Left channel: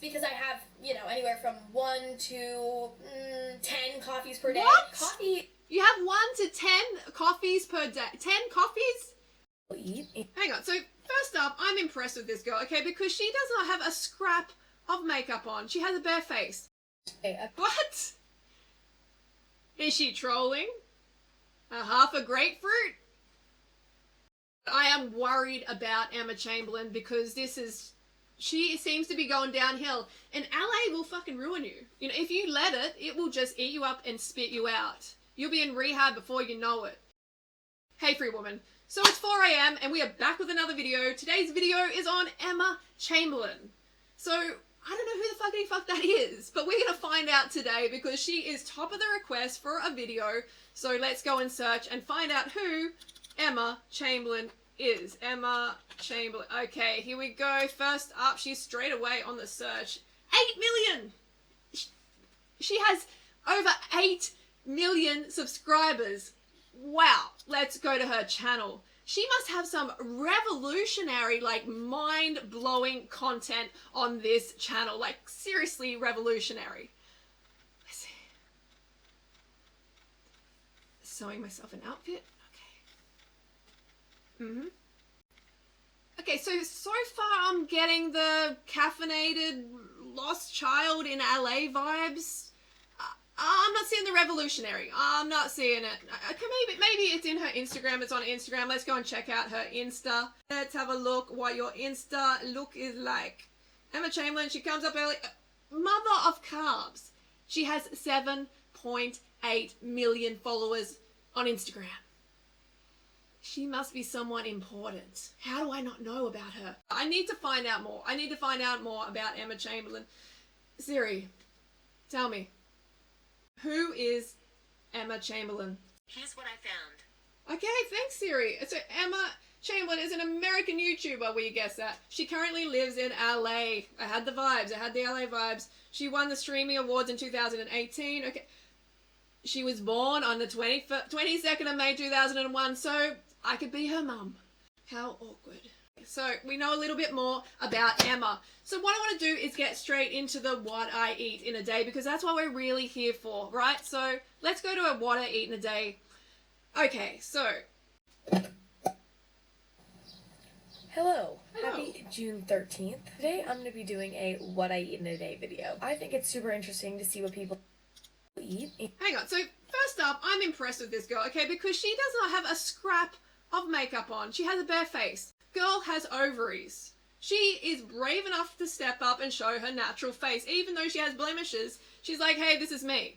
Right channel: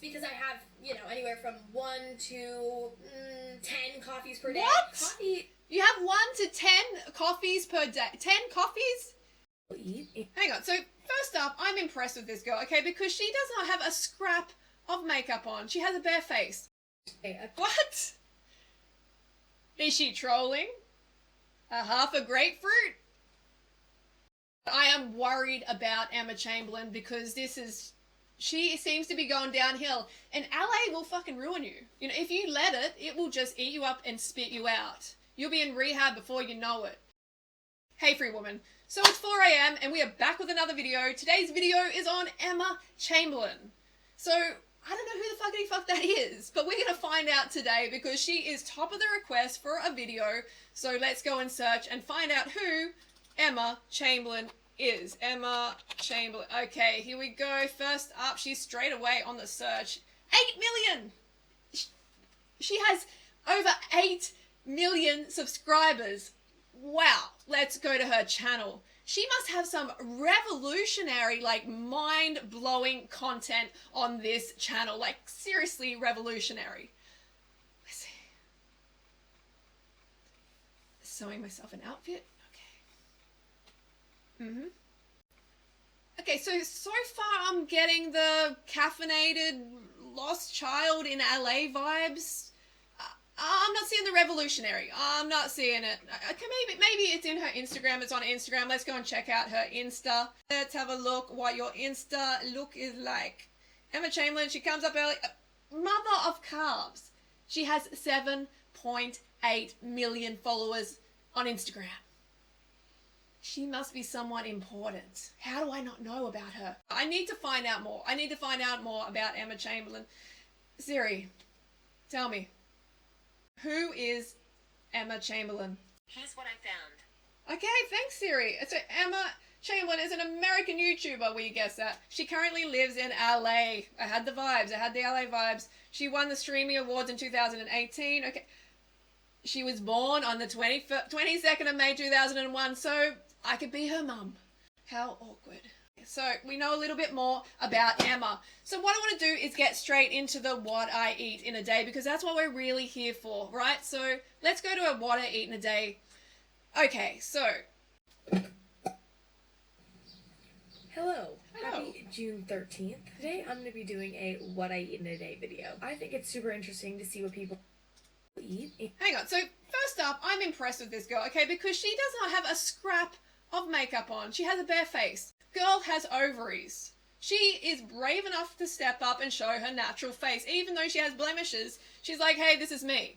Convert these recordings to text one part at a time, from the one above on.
because I have, anywhere from 1 to 10 coffees per day. What? Coffee. You have 1 to 10 coffees per day. 10 coffees? Eat. Hang on. So first up, I'm impressed with this girl, okay, because she does not have a scrap of makeup on. She has a bare face. What? Is she trolling? Half a grapefruit? I am worried about Emma Chamberlain because she seems to be going downhill, and LA will fucking ruin you. If you let it, it will just eat you up and spit you out. You'll be in rehab before you know it. Hey, free woman. So it's 4 a.m. and we are back with another video. Today's video is on Emma Chamberlain. So I don't know who the fuck that is, but we're gonna find out today because she is top of the request for a video. So let's go and search and find out who Emma Chamberlain is. Emma Chamberlain. Okay, here we go. First up, she's straight away on the search. 8 million! She has over 8 million subscribers. Wow. Let's go to her channel. She must have some revolutionary, mind-blowing content on this channel. Seriously revolutionary. Let's see. Sewing myself an outfit. Okay, so far I'm getting the caffeinated lost child in LA vibes. I'm not seeing the revolutionary. I'm not seeing it. Okay, maybe it's in her Instagram. It's on Instagram. Let's go and check out her Insta. Let's have a look what your Insta look is like. Emma Chamberlain, she comes up early. Mother of carbs. She has 7.8 million followers on Instagram. She must be someone important. How do I not know about her? I need to find out more. I need to find out more about Emma Chamberlain. Siri, tell me. Who is Emma Chamberlain? Here's what I found. Okay, thanks, Siri. So Emma Chamberlain is an American YouTuber, we guess that. She currently lives in LA. I had the vibes. I had the LA vibes. She won the Streamy Awards in 2018. Okay. She was born on the 22nd of May 2001, so I could be her mum. How awkward. So we know a little bit more about Emma. So what I want to do is get straight into the what I eat in a day, because that's what we're really here for, right? So let's go to a what I eat in a day. Okay, so. Hello. Happy June 13th. Today I'm going to be doing a what I eat in a day video. I think it's super interesting to see what people eat. Hang on. So first up, I'm impressed with this girl, okay, because she does not have a scrap of makeup on. She has a bare face. Girl has ovaries. She is brave enough to step up and show her natural face. Even though she has blemishes, she's like, hey, this is me.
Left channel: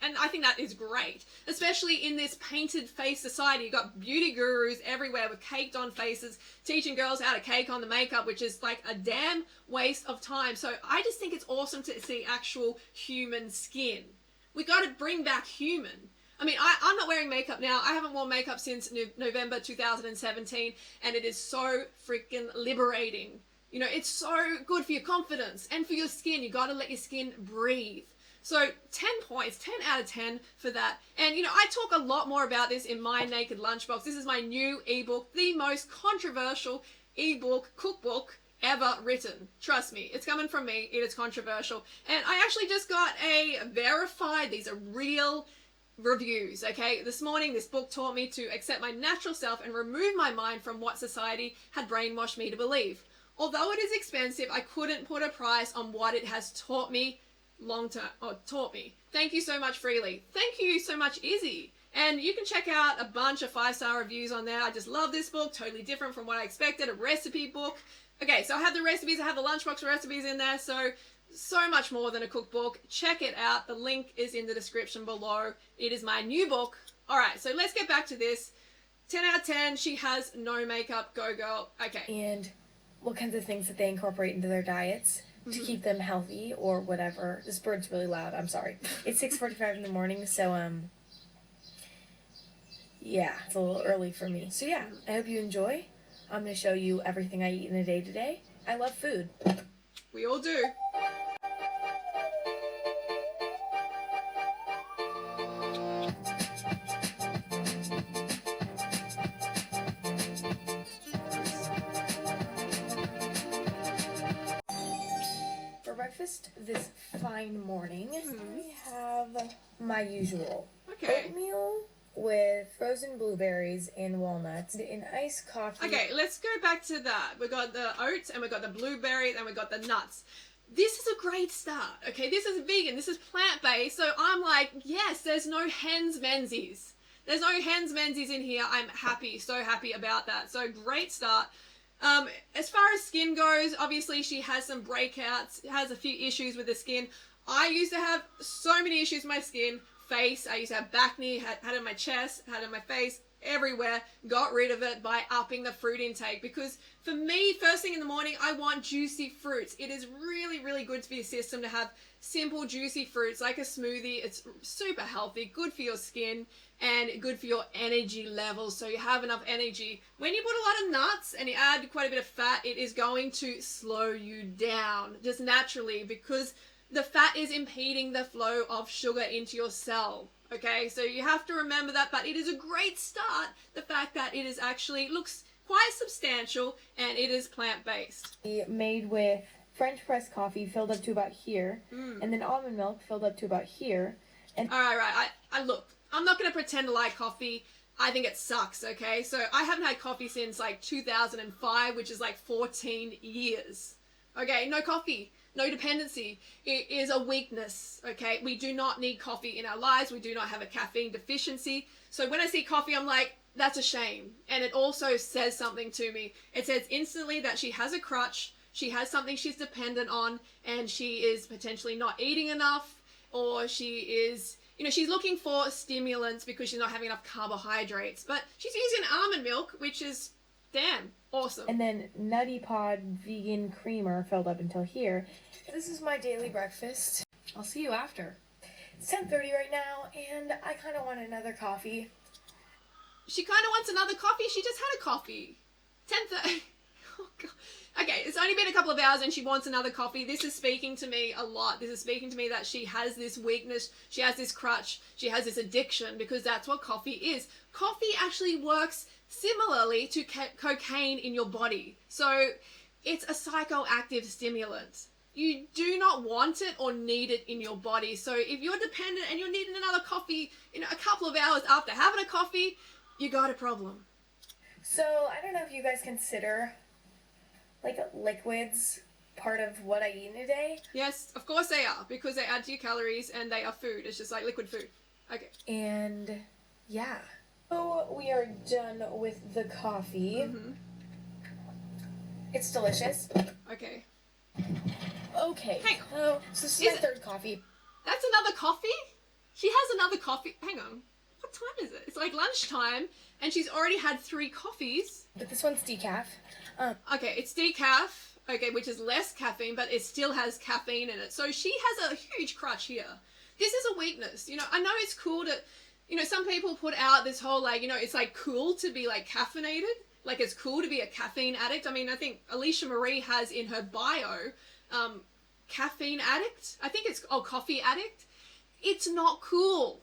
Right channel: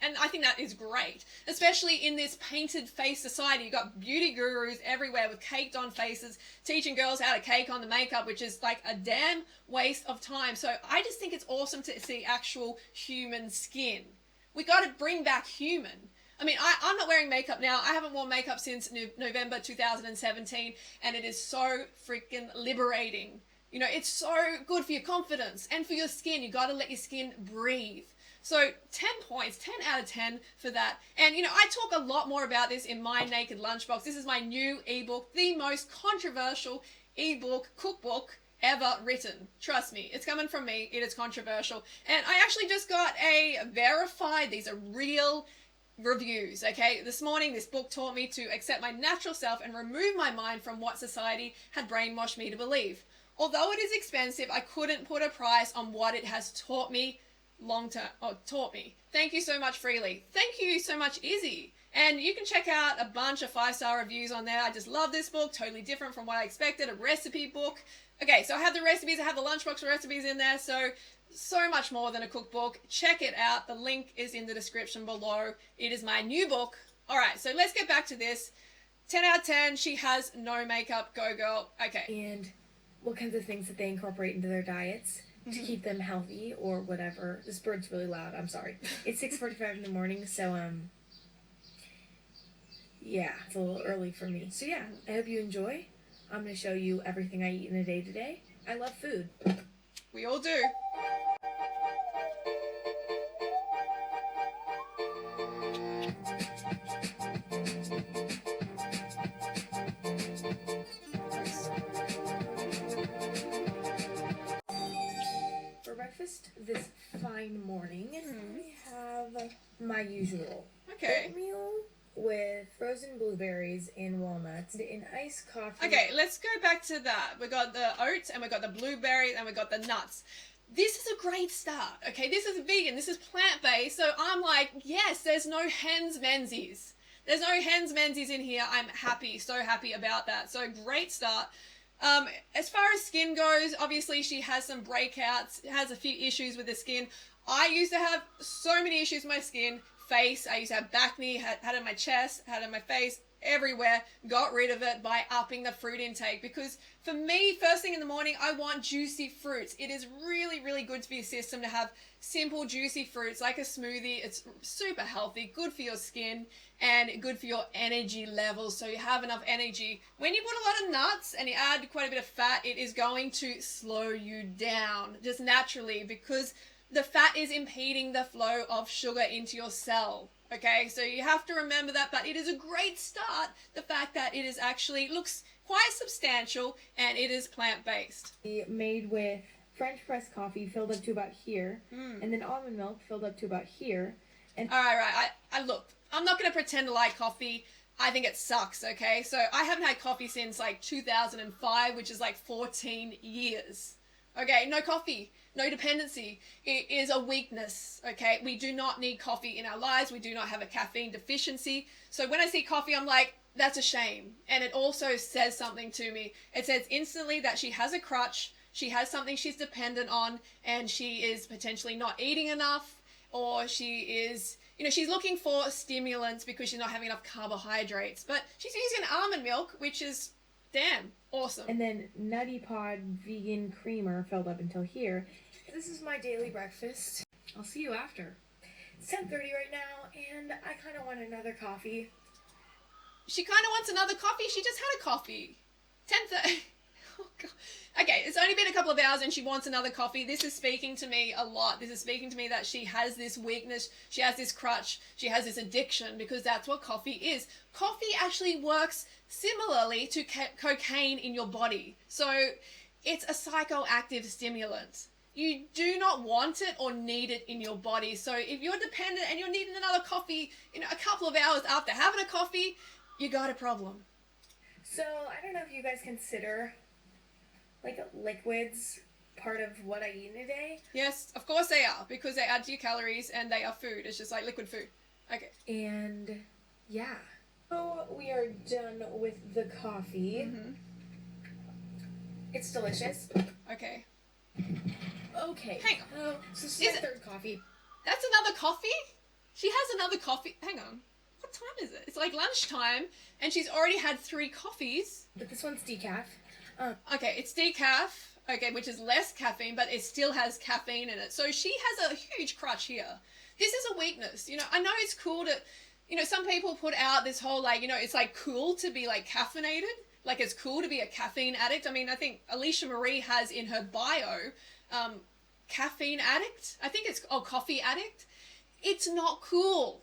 And I think that is great, especially in this painted face society. You've got beauty gurus everywhere with caked on faces teaching girls how to cake on the makeup, which is like a damn waste of time. So I just think it's awesome to see actual human skin. We got to bring back human. I mean, I'm not wearing makeup now. I haven't worn makeup since November 2017, and it is so freaking liberating. It's so good for your confidence and for your skin. You got to let your skin breathe. So 10 points, 10 out of 10 for that. And, I talk a lot more about this in my Naked Lunchbox. This is my new ebook, the most controversial ebook cookbook ever written. Trust me, it's coming from me. It is controversial. And I actually just got a verified, these are real reviews, okay? This morning, this book taught me to accept my natural self and remove my mind from what society had brainwashed me to believe. Although it is expensive, I couldn't put a price on what it has taught me taught me. Thank you so much, Freely. Thank you so much, Izzy. And you can check out a bunch of 5-star reviews on there. I just love this book. Totally different from what I expected. A recipe book. Okay, so I have the recipes. I have the lunchbox recipes in there. So much more than a cookbook. Check it out. The link is in the description below. It is my new book. All right, so let's get back to this. 10 out of 10. She has no makeup. Go, girl. Okay. And what kinds of things that they incorporate into their diets to keep them healthy or whatever. This bird's really loud. I'm sorry. It's 6:45 in the morning, so yeah, it's a little early for me. So yeah, I hope you enjoy. I'm going to show you everything I eat in a day today. I love food. We all do. breakfast this fine morning, I have my usual Okay. oatmeal with frozen blueberries and walnuts in iced coffee. Okay, let's go back to that. We got the oats and we got the blueberries and we got the nuts. This is a great start, okay? This is vegan, this is plant-based, so I'm like, yes, there's no hens menzies. There's no hens menzies in here. I'm happy, so happy about that. So great start. As far as skin goes, obviously she has some breakouts, has a few issues with the skin. I used to have so many issues with my skin. Face, I used to have back knee, had it on my chest, had it on my face, everywhere. Got rid of it by upping the fruit intake, because for me, first thing in the morning, I want juicy fruits. It is really, really good for your system to have simple juicy fruits like a smoothie. It's super healthy, good for your skin, and good for your energy levels, so you have enough energy. When you put a lot of nuts and you add quite a bit of fat, it is going to slow you down just naturally, because the fat is impeding the flow of sugar into your cell. Okay, so you have to remember that, but it is a great start, the fact that it is actually looks quite substantial and it is plant-based. Made with French press coffee filled up to about here, and then almond milk filled up to about here. And All right. I look, I'm not going to pretend to like coffee. I think it sucks, okay? So I haven't had coffee since like 2005, which is like 14 years. Okay, no coffee. No dependency. It is a weakness, okay? We do not need coffee in our lives. We do not have a caffeine deficiency. So when I see coffee, I'm like, that's a shame. And it also says something to me. It says instantly that she has a crutch, she has something she's dependent on, and she is potentially not eating enough, or she is, she's looking for stimulants because she's not having enough carbohydrates. But she's using almond milk, which is, damn, awesome. And then Nutty Pod vegan creamer filled up until here. This is my daily breakfast. I'll see you after. It's 10:30 right now, and I kind of want another coffee. She kind of wants another coffee. She just had a coffee. 10:30. Oh, God. Okay, it's only been a couple of hours and she wants another coffee. This is speaking to me a lot. This is speaking to me that she has this weakness. She has this crutch. She has this addiction, because that's what coffee is. Coffee actually works similarly to cocaine in your body. So it's a psychoactive stimulant. You do not want it or need it in your body. So if you're dependent and you're needing another coffee, a couple of hours after having a coffee, you got a problem. So I don't know if you guys consider like liquids part of what I eat in a day. Yes, of course they are, because they add to your calories and they are food. It's just like liquid food. Okay. And yeah. So we are done with the coffee. Mm-hmm. It's delicious. Okay. Okay. Hang on. Oh, so this is my third coffee. That's another coffee? She has another coffee. Hang on. What time is it? It's like lunchtime and she's already had 3 coffees. But this one's decaf. Okay, it's decaf, okay, which is less caffeine, but it still has caffeine in it. So she has a huge crutch here. This is a weakness. I know it's cool to, some people put out this whole, like, it's like cool to be like caffeinated. Like it's cool to be a caffeine addict. I mean, I think Alicia Marie has in her bio, caffeine addict. I think it's, coffee addict. It's not cool.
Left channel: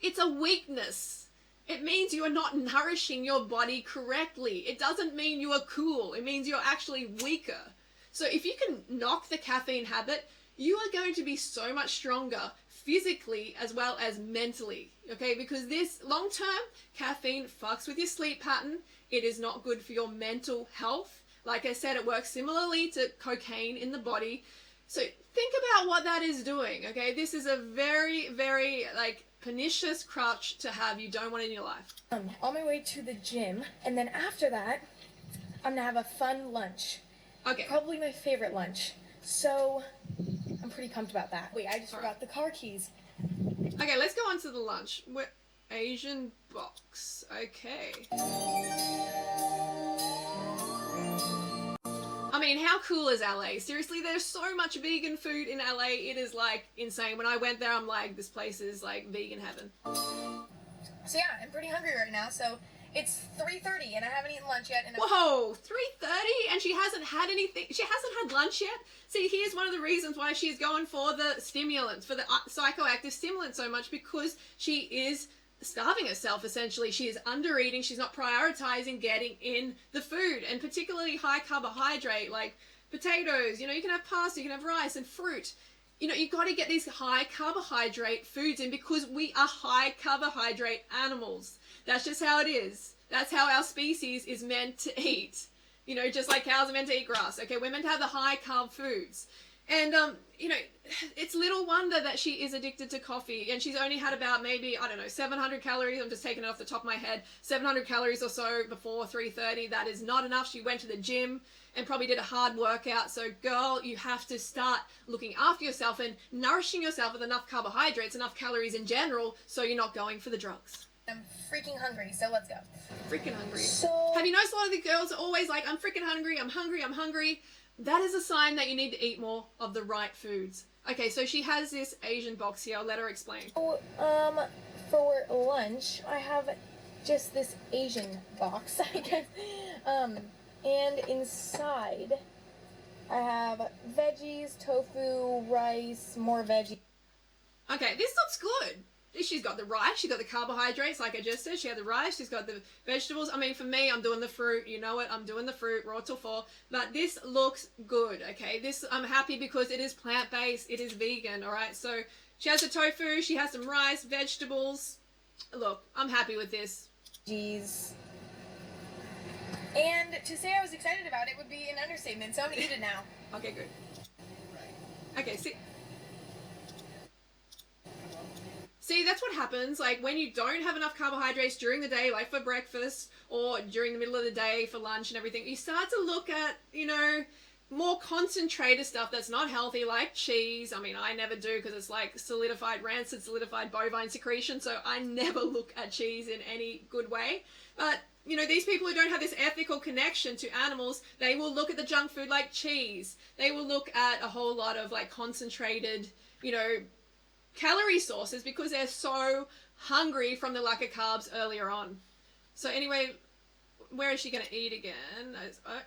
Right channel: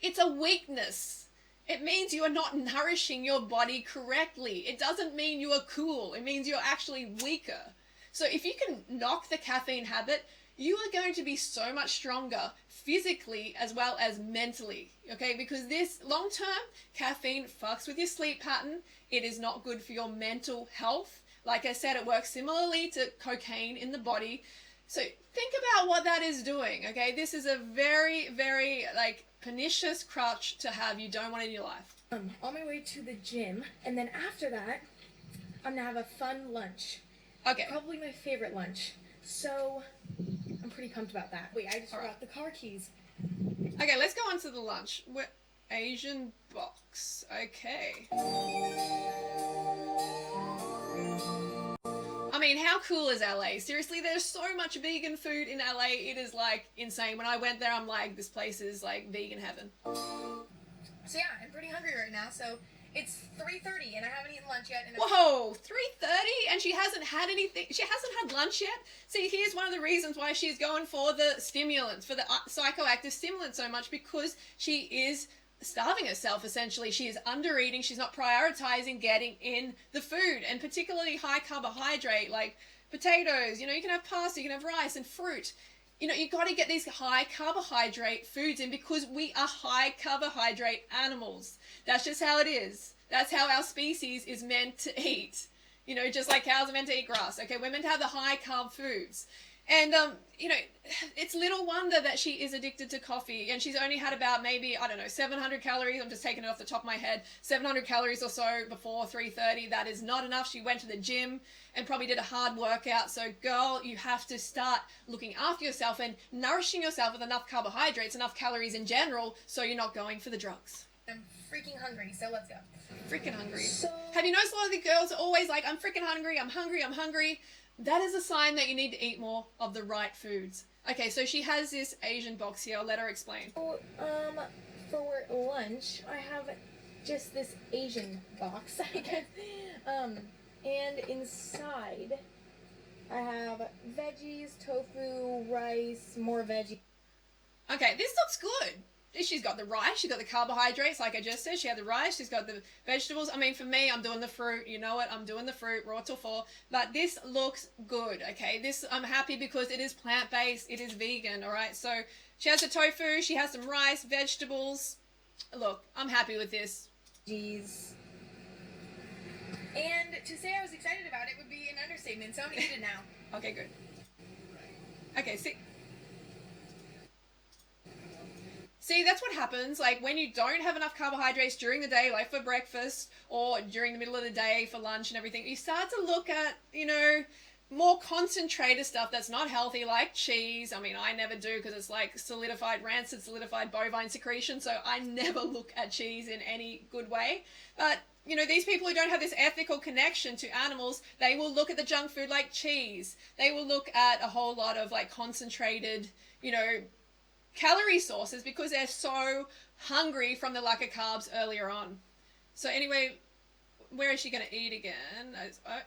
It's a weakness. It means you are not nourishing your body correctly. It doesn't mean you are cool. It means you're actually weaker. So if you can knock the caffeine habit, you are going to be so much stronger physically as well as mentally, okay? Because this long-term caffeine fucks with your sleep pattern. It is not good for your mental health. Like I said, it works similarly to cocaine in the body. So think about what that is doing, okay? This is a very, very, pernicious crutch to have. You don't want it in your life. On my way to the gym, and then after that, I'm gonna have a fun lunch. Okay. Probably my favorite lunch. So, I'm pretty pumped about that. Wait, I just forgot the car keys. Okay, let's go on to the lunch. Asian box. Okay. I mean, how cool is LA? Seriously, there's so much vegan food in LA. It is insane. When I went there, I'm like, this place is like vegan heaven. So yeah, I'm pretty hungry right now. So it's 3:30 and I haven't eaten lunch yet. Whoa, 3:30 and she hasn't had anything. She hasn't had lunch yet. See, here's one of the reasons why she's going for the stimulants, for the psychoactive stimulants so much, because she is starving herself essentially. She is under eating. She's not prioritizing getting in the food, and particularly high carbohydrate like potatoes, you can have pasta, you can have rice and fruit. You got to get these high carbohydrate foods in because we are high carbohydrate animals. That's just how it is. That's how our species is meant to eat. Just like cows are meant to eat grass. Okay, we're meant to have the high carb foods. And, it's little wonder that she is addicted to coffee, and she's only had about maybe, 700 calories. I'm just taking it off the top of my head. 700 calories or so before 3:30. That is not enough. She went to the gym and probably did a hard workout. So, girl, you have to start looking after yourself and nourishing yourself with enough carbohydrates, enough calories in general, so you're not going for the drugs. I'm freaking hungry, so let's go. Freaking hungry. So, have you noticed a lot of the girls are always like, I'm freaking hungry, I'm hungry, I'm hungry? That is a sign that you need to eat more of the right foods. Okay, so she has this Asian box here. I'll let her explain. for lunch, I have just this Asian box, I guess. And inside, I have veggies, tofu, rice, more veggies. Okay, this looks good. She's got the rice, she's got the carbohydrates, like I just said. She had the rice, she's got the vegetables. I mean, for me, I'm doing the fruit. You know what? I'm doing the fruit, raw till 4. But this looks good, okay? I'm happy because it is plant-based, it is vegan, all right? So she has the tofu, she has some rice, vegetables. Look, I'm happy with this. Jeez. And to say I was excited about it would be an understatement, so I'm gonna eat it now. Okay, good. Okay, See, that's what happens, like, when you don't have enough carbohydrates during the day, like for breakfast, or during the middle of the day for lunch and everything, you start to look at, more concentrated stuff that's not healthy, like cheese. I mean, I never do because it's like rancid solidified bovine secretion, so I never look at cheese in any good way. But, these people who don't have this ethical connection to animals, they will look at the junk food like cheese. They will look at a whole lot of, like, concentrated, calorie sources because they're so hungry from the lack of carbs earlier on. So anyway, where is she going to eat again?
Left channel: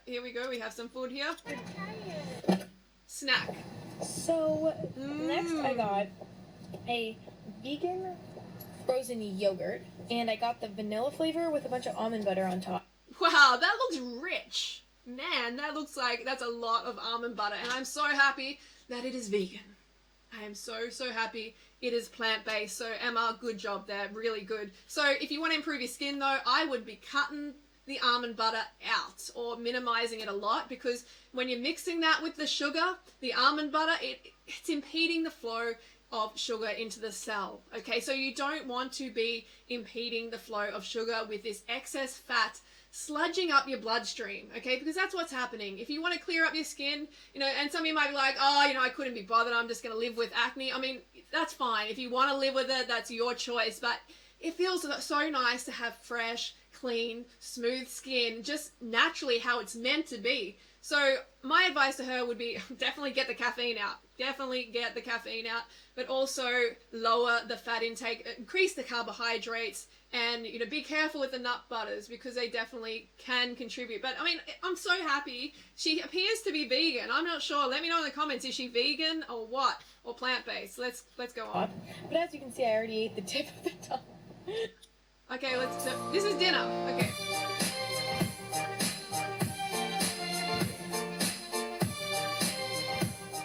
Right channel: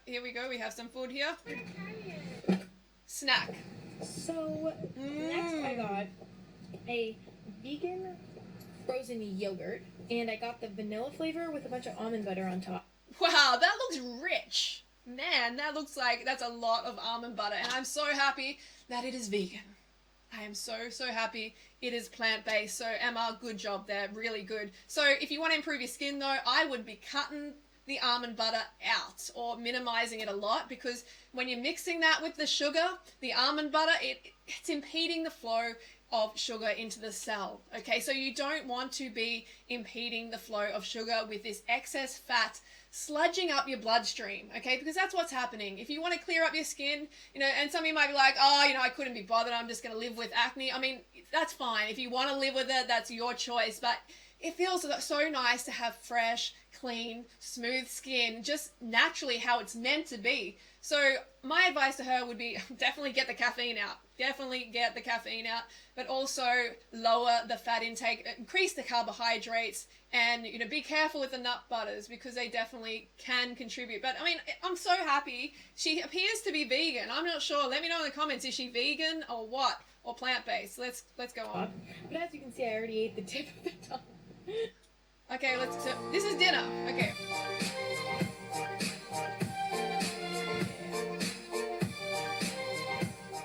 Here we go. We have some food here. Snack. So, next I got a vegan frozen yogurt, and I got the vanilla flavor with a bunch of almond butter on top. Wow, that looks rich. Man, that looks like that's a lot of almond butter, and I'm so happy that it is vegan. I am so, so happy it is plant-based. So, Emma, good job there. Really good. So, if you want to improve your skin, though, I would be cutting the almond butter out or minimizing it a lot, because when you're mixing that with the sugar, the almond butter, it's impeding the flow of sugar into the cell. Okay, so you don't want to be impeding the flow of sugar with this excess fat sludging up your bloodstream, okay? Because that's what's happening. If you want to clear up your skin, and some of you might be like, I couldn't be bothered, I'm just going to live with acne. I mean, that's fine. If you want to live with it, that's your choice. But it feels so nice to have fresh, clean, smooth skin, just naturally how it's meant to be. So my advice to her would be definitely get the caffeine out. Definitely get the caffeine out, but also lower the fat intake, increase the carbohydrates, and be careful with the nut butters because they definitely can contribute. But I mean, I'm so happy she appears to be vegan. I'm not sure. Let me know in the comments, is she vegan or what, or plant-based? Let's go on. But as you can see, I already ate the tip of the tongue. Okay, this is dinner. Okay.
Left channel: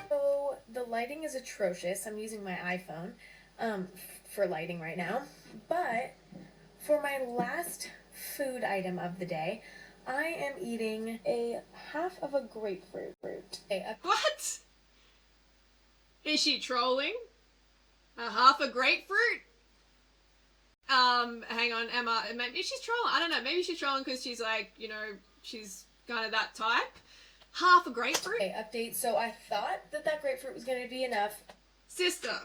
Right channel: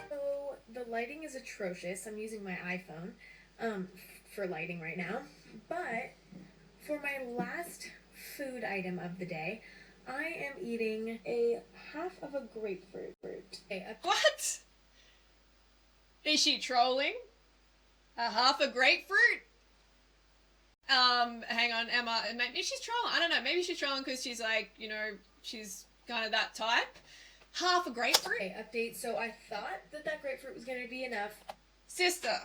So the lighting is atrocious. I'm using my iPhone for lighting right now, but for my last food item of the day, I am eating a half of a grapefruit. What? Is she trolling? A half a grapefruit? Hang on, Emma. Maybe she's trolling. I don't know. Maybe she's trolling because she's like, she's kind of that type. Half a grapefruit? Okay, update. So I thought that grapefruit was going to be enough. Sister.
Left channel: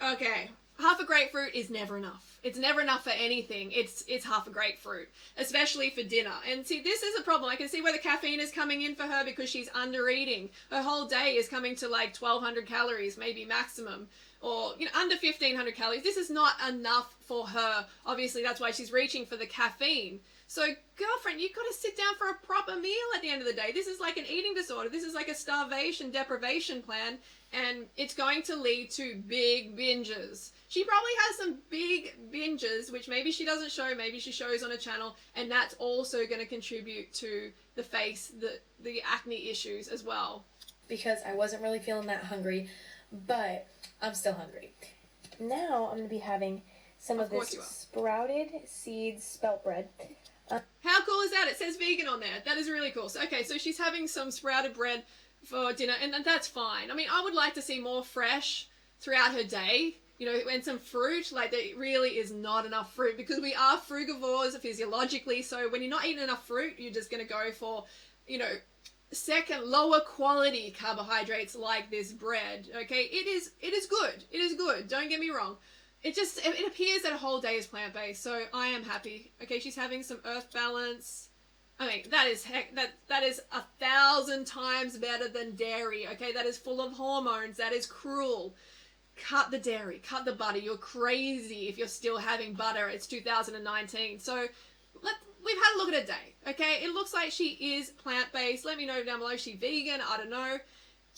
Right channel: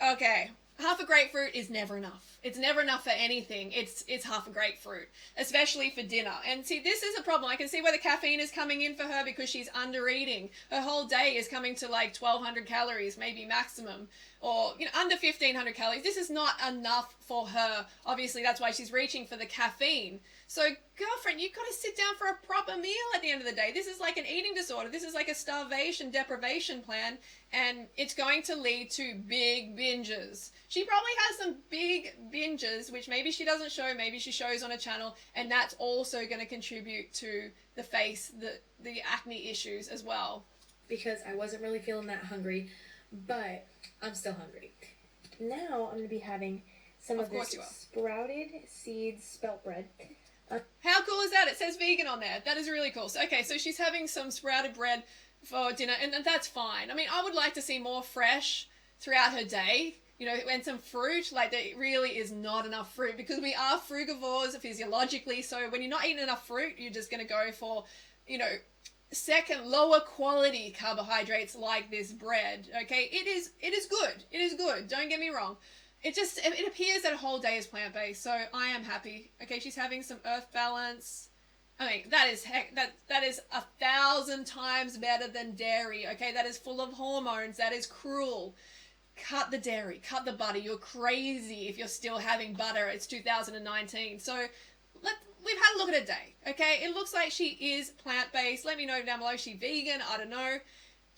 Okay. Half a grapefruit is never enough. It's never enough for anything. It's half a grapefruit, especially for dinner. And see, this is a problem. I can see where the caffeine is coming in for her because she's under eating. Her whole day is coming to like 1,200 calories, maybe maximum, or under 1,500 calories. This is not enough for her. Obviously, that's why she's reaching for the caffeine. So, girlfriend, you've got to sit down for a proper meal at the end of the day. This is like an eating disorder. This is like a starvation deprivation plan, and it's going to lead to big binges. She probably has some big binges, which maybe she doesn't show, maybe she shows on a channel, and that's also going to contribute to the face, the acne issues as well. Because I wasn't really feeling that hungry, but I'm still hungry. Now I'm going to be having some of this sprouted seeds spelt bread. How cool is that? It says vegan on there. That is really cool. So, okay, so she's having some sprouted bread for dinner, and that's fine. I mean, I would like to see more fresh throughout her day, you know, and some fruit. Like, there really is not enough fruit because we are frugivores physiologically. So when you're not eating enough fruit, you're just going to go for, you know, second lower quality carbohydrates like this bread. Okay, it is good. It is good. Don't get me wrong. It appears that a whole day is plant-based, so I am happy. Okay, she's having some earth balance. I mean, that is 1,000 times better than dairy. Okay, that is full of hormones. That is cruel. Cut the dairy, cut the butter. You're crazy if you're still having butter. It's 2019. So we've had a look at a day. Okay, it looks like she is plant-based. Let me know down below. Is she vegan? I don't know.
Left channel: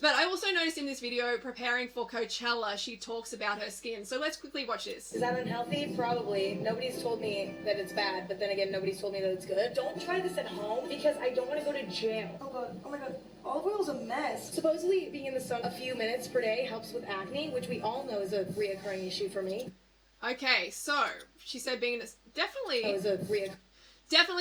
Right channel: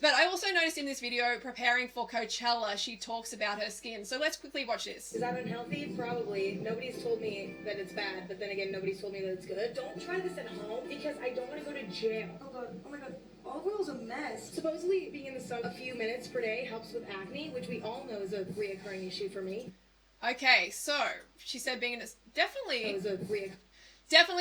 But I also noticed in this video, preparing for Coachella, she talks about her skin. So let's quickly watch this. Is that unhealthy? Probably. Nobody's told me that it's bad, but then again, nobody's told me that it's good. Don't try this at home because I don't want to go to jail. Oh god, oh my god, olive oil's a mess. Supposedly, being in the sun a few minutes per day helps with acne, which we all know is a reoccurring issue for me. Okay, so she said being in this definitely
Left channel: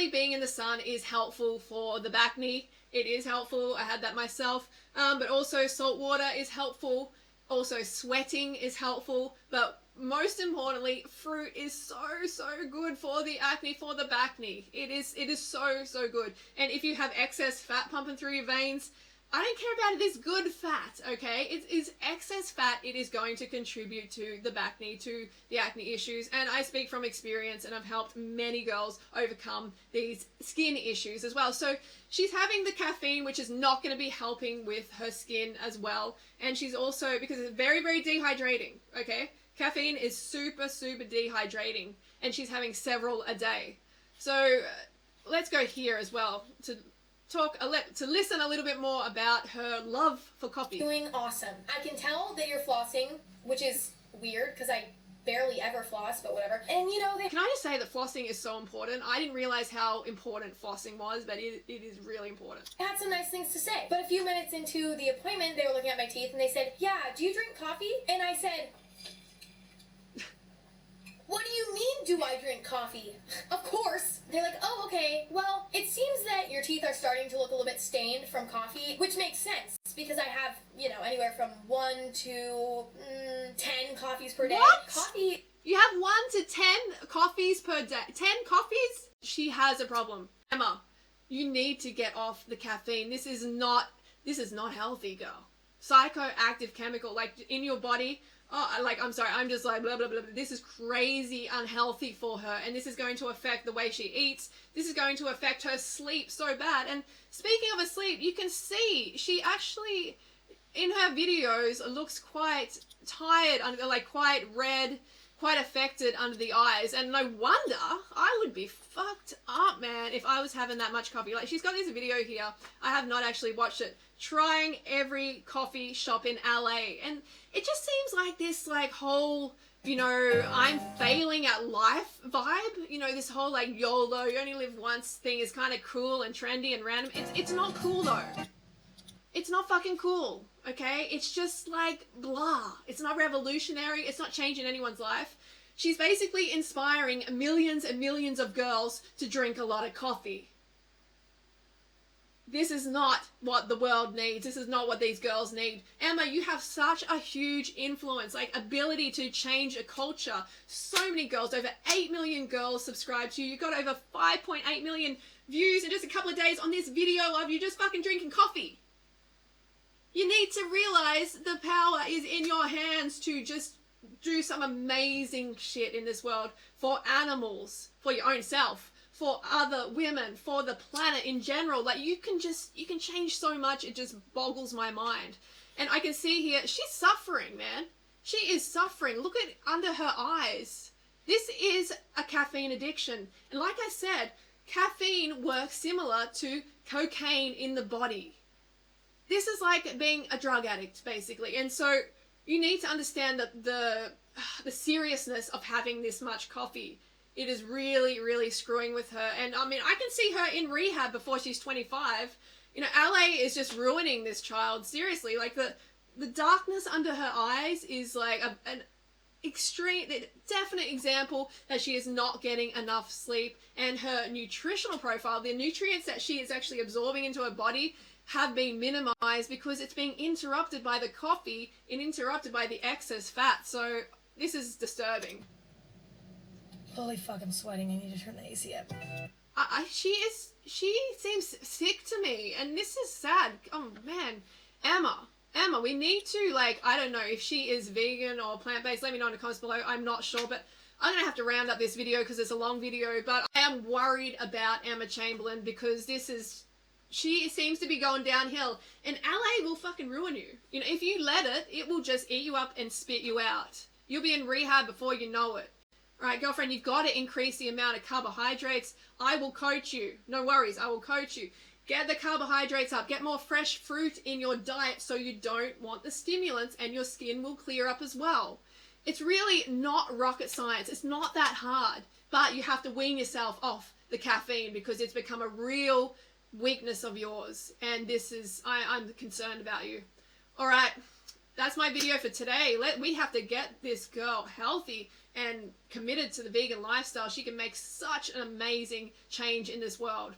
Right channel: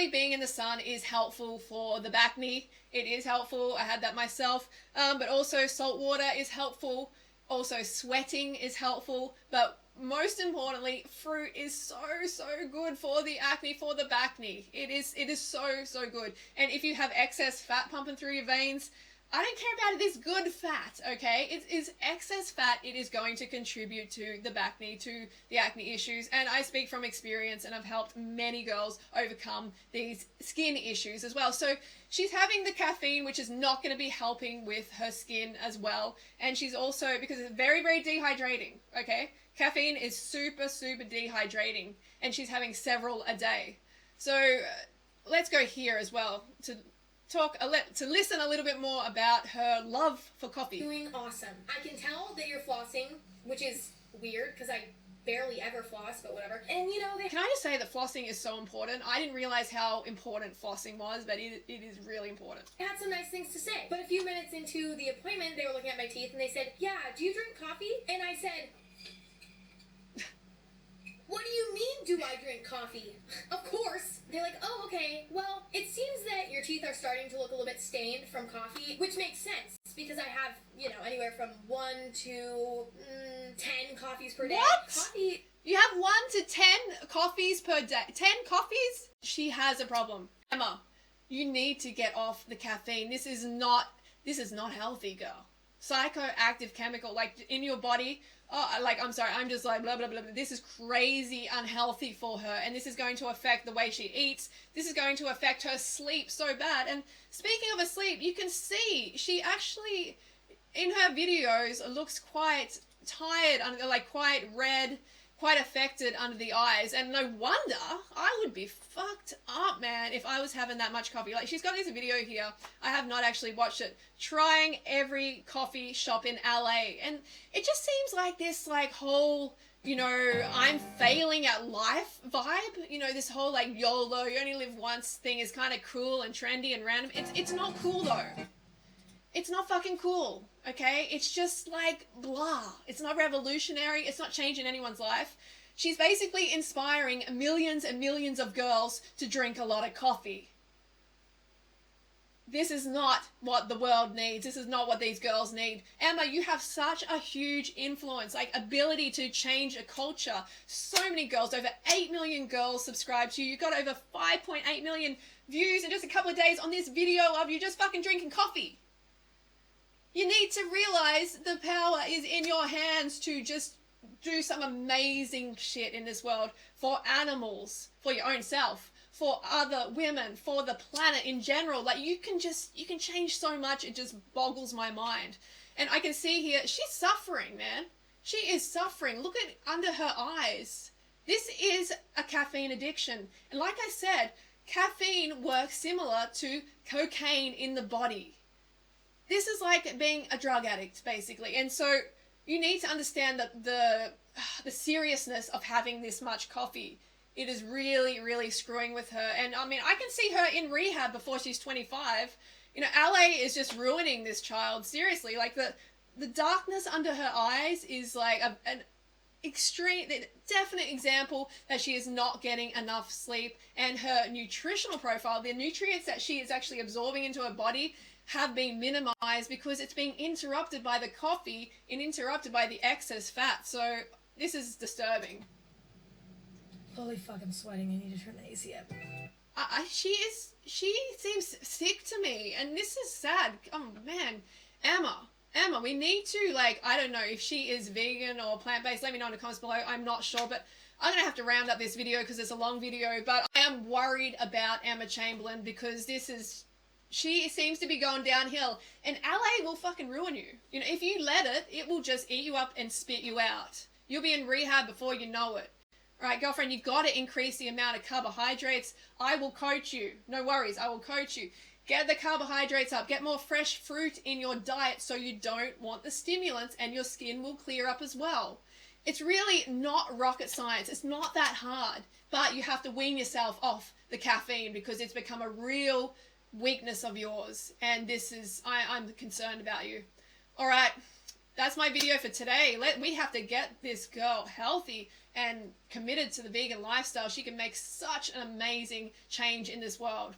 being in the sun is helpful for the acne. It is helpful. I had that myself. But also salt water is helpful. Also sweating is helpful. But most importantly, fruit is so good for the acne, for the acne. It is so good. And if you have excess fat pumping through your veins, I don't care about it. It's good fat, okay? It is excess fat. It is going to contribute to the acne, to the acne issues. And I speak from experience, and I've helped many girls overcome these skin issues as well. So she's having the caffeine, which is not going to be helping with her skin as well. And she's also, because it's very dehydrating, okay? Caffeine is super dehydrating, and she's having several a day. So let's go here as well to listen a little bit more about her love for coffee. Doing awesome. I can tell that you're flossing, which is weird because I barely ever floss, but whatever. And you know, can I just say that flossing is so important? I didn't realize how important flossing was, but it is really important. I had some nice things to say. But a few minutes into the appointment, they were looking at my teeth and they said, "Yeah, do you drink coffee?" And I said, "What do you mean, do I drink coffee?" Of course. They're like, "Oh, okay. Well, it seems that your teeth are starting to look a little bit stained from coffee," which makes sense because I have, you know, anywhere from 1 to 10 coffees per day. What? Coffee. You have 1 to 10 coffees per day. 10 coffees? She has a problem. Emma, you need to get off the caffeine. This is not healthy, girl. Psychoactive chemical, like in your body. Oh, like, I'm sorry, I'm just like, blah, blah, blah. This is crazy unhealthy for her. And this is going to affect the way she eats. This is going to affect her sleep so bad. And speaking of her sleep, you can see she actually, in her videos, looks quite tired, like quite red, quite affected under the eyes. And no wonder I would be fucked up, man, if I was having that much coffee. Like, she's got this video here. I have not actually watched it. Trying every coffee shop in LA. And it just seems like this, like, whole, you know, I'm failing at life vibe. You know, this whole, like, YOLO, you only live once thing is kind of cool and trendy and random. It's not cool, though. It's not fucking cool, okay? It's just, like, blah. It's not revolutionary. It's not changing anyone's life. She's basically inspiring millions and millions of girls to drink a lot of coffee. This is not what the world needs. This is not what these girls need. Emma, you have such a huge influence, like ability to change a culture. So many girls, over 8 million girls subscribe to you. You got over 5.8 million views in just a couple of days on this video of you just fucking drinking coffee. You need to realize the power is in your hands to just do some amazing shit in this world for animals, for your own self, for other women, for the planet in general. Like, you can change so much. It just boggles my mind. And I can see here, she's suffering, man. She is suffering. Look at under her eyes. This is a caffeine addiction. And like I said, caffeine works similar to cocaine in the body. This is like being a drug addict, basically. And so you need to understand that the seriousness of having this much coffee. It is really, really screwing with her. And I mean, I can see her in rehab before she's 25. You know, LA is just ruining this child. Seriously, like the darkness under her eyes is like an extreme, definite example that she is not getting enough sleep. And her nutritional profile, the nutrients that she is actually absorbing into her body, have been minimized because it's being interrupted by the coffee and interrupted by the excess fat. So this is disturbing. Holy fuck, I'm sweating. I need to turn the AC up. She seems sick to me, and this is sad. Oh man, Emma, we need to, like, I don't know if she is vegan or plant-based. Let me know in the comments below. I'm not sure, but I'm gonna have to round up this video because it's a long video. But I am worried about Emma Chamberlain because she seems to be going downhill, and LA will fucking ruin you. You know, if you let it, it will just eat you up and spit you out. You'll be in rehab before you know it. All right, girlfriend, you've got to increase the amount of carbohydrates. I will coach you. No worries, I will coach you. Get the carbohydrates up. Get more fresh fruit in your diet so you don't want the stimulants, and your skin will clear up as well. It's really not rocket science. It's not that hard, but you have to wean yourself off the caffeine because it's become a real weakness of yours, and I'm concerned about you. All right, that's my video for today. We have to get this girl healthy and committed to the vegan lifestyle. She can make such an amazing change in this world.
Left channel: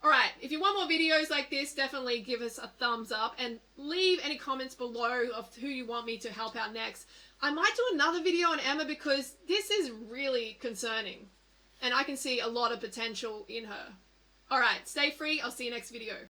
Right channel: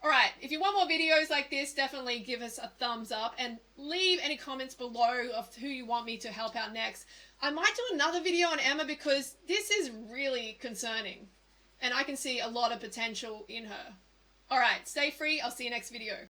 All right, if you want more videos like this, definitely give us a thumbs up and leave any comments below of who you want me to help out next. I might do another video on Emma because this is really concerning and I can see a lot of potential in her. All right, stay free. I'll see you next video.